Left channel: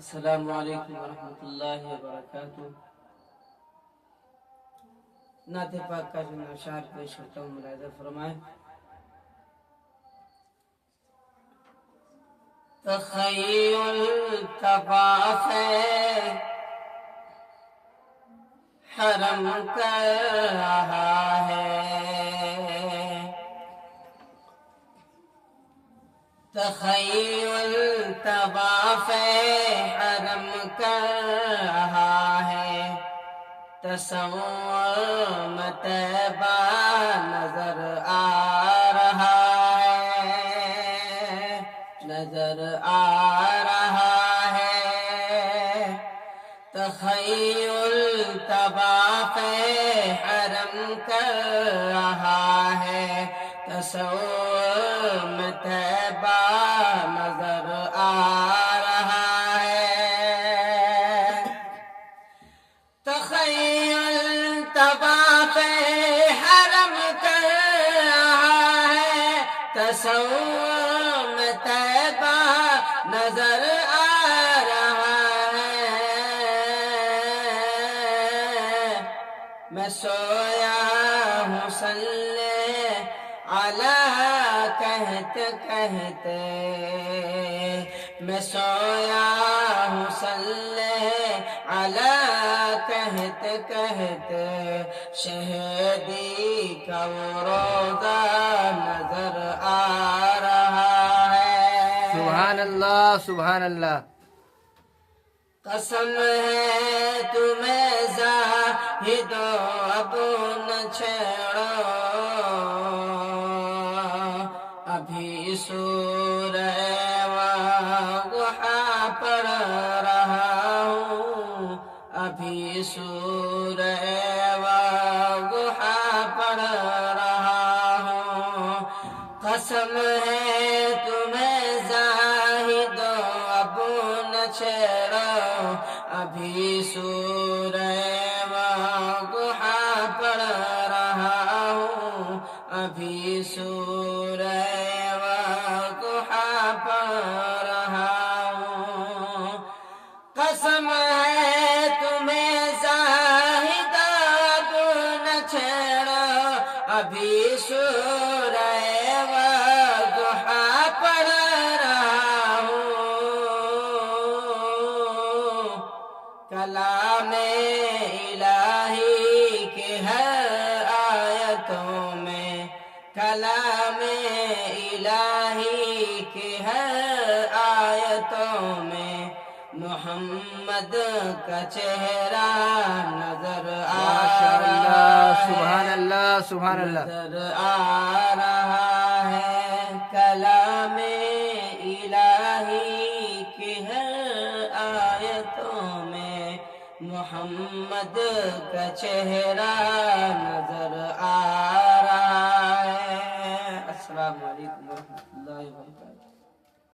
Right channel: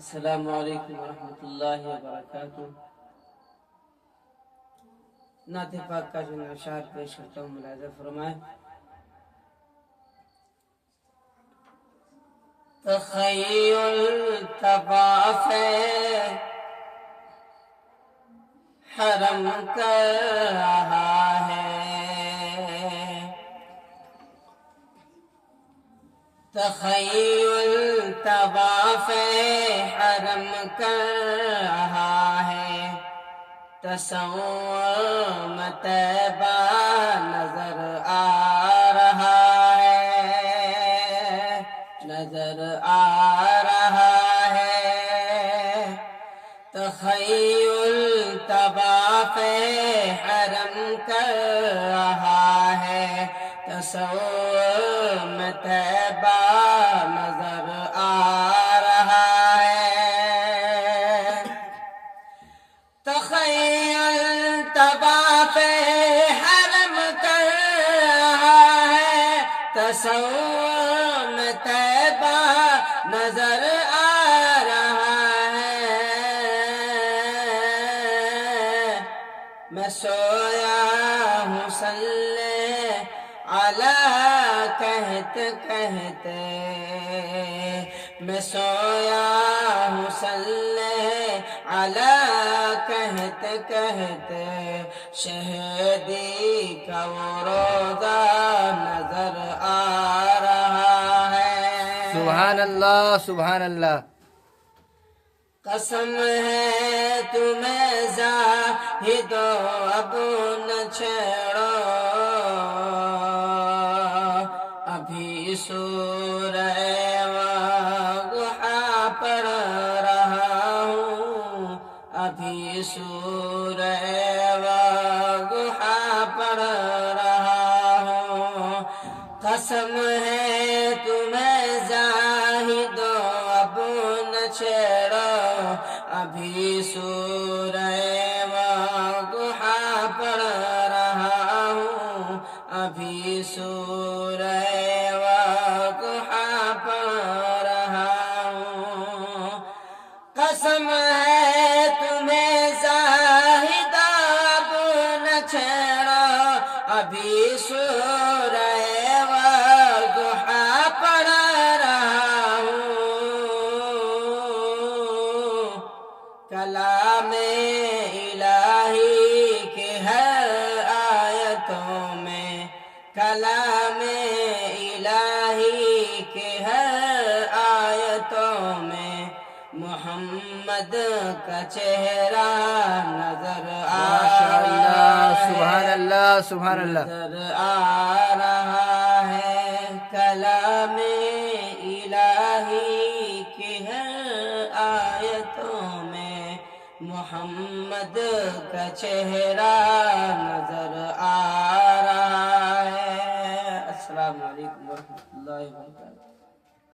السلام علیکم ورحمۃ اللہ وبرکاتہ۔ نعت پاک کا جو اشعار پیش کرتا ہوں ملاحظہ فرمائیں۔ تخیل طواف حرم کر رہا ہے، تخیل طواف حرم کر رہا ہے، تصور طیبہ نظر آ رہا ہے، نظر آ رہا ہے۔ تخیل طواف حرم کر رہا ہے، تصور میں طیبہ نظر آ رہا ہے۔ تخیل طواف حرم کر رہا ہے، تصور میں طیبہ نظر آ رہا ہے۔ میں سویا ہوں صلی علی کہتے کہتے، میں سویا ہوں صلی علی کہتے کہتے، شہدی کا وہ روضہ نظر آ رہا ہے۔ سبحان اللہ سبحان اللہ۔ قسم ہے تمہیں زاہدو اب نہ چھیڑو، ابھی سورہ واقعہ پڑھ رہا ہوں، ابھی سورہ واقعہ پڑھ رہا ہوں۔ قسم ہے تمہیں زاہدو اب نہ چھیڑو، ابھی سورہ واقعہ پڑھ رہا ہوں، ابھی سورہ واقعہ پڑھ رہا ہوں۔ قسم ہے تمہیں زاہد اب نہ چھیڑو، ابھی سورہ واقعہ پڑھ رہا ہوں۔ کلام الہی کے ہر آیتوں میں، کلام الہی کے ہر آیتوں میں، محمد کا چہرہ نظر آ رہا ہے، سبحان اللہ سبحان اللہ۔ نظر آ رہا ہے۔ کلام الہی کی ہر آیتوں میں، محمد کا چہرہ نظر آ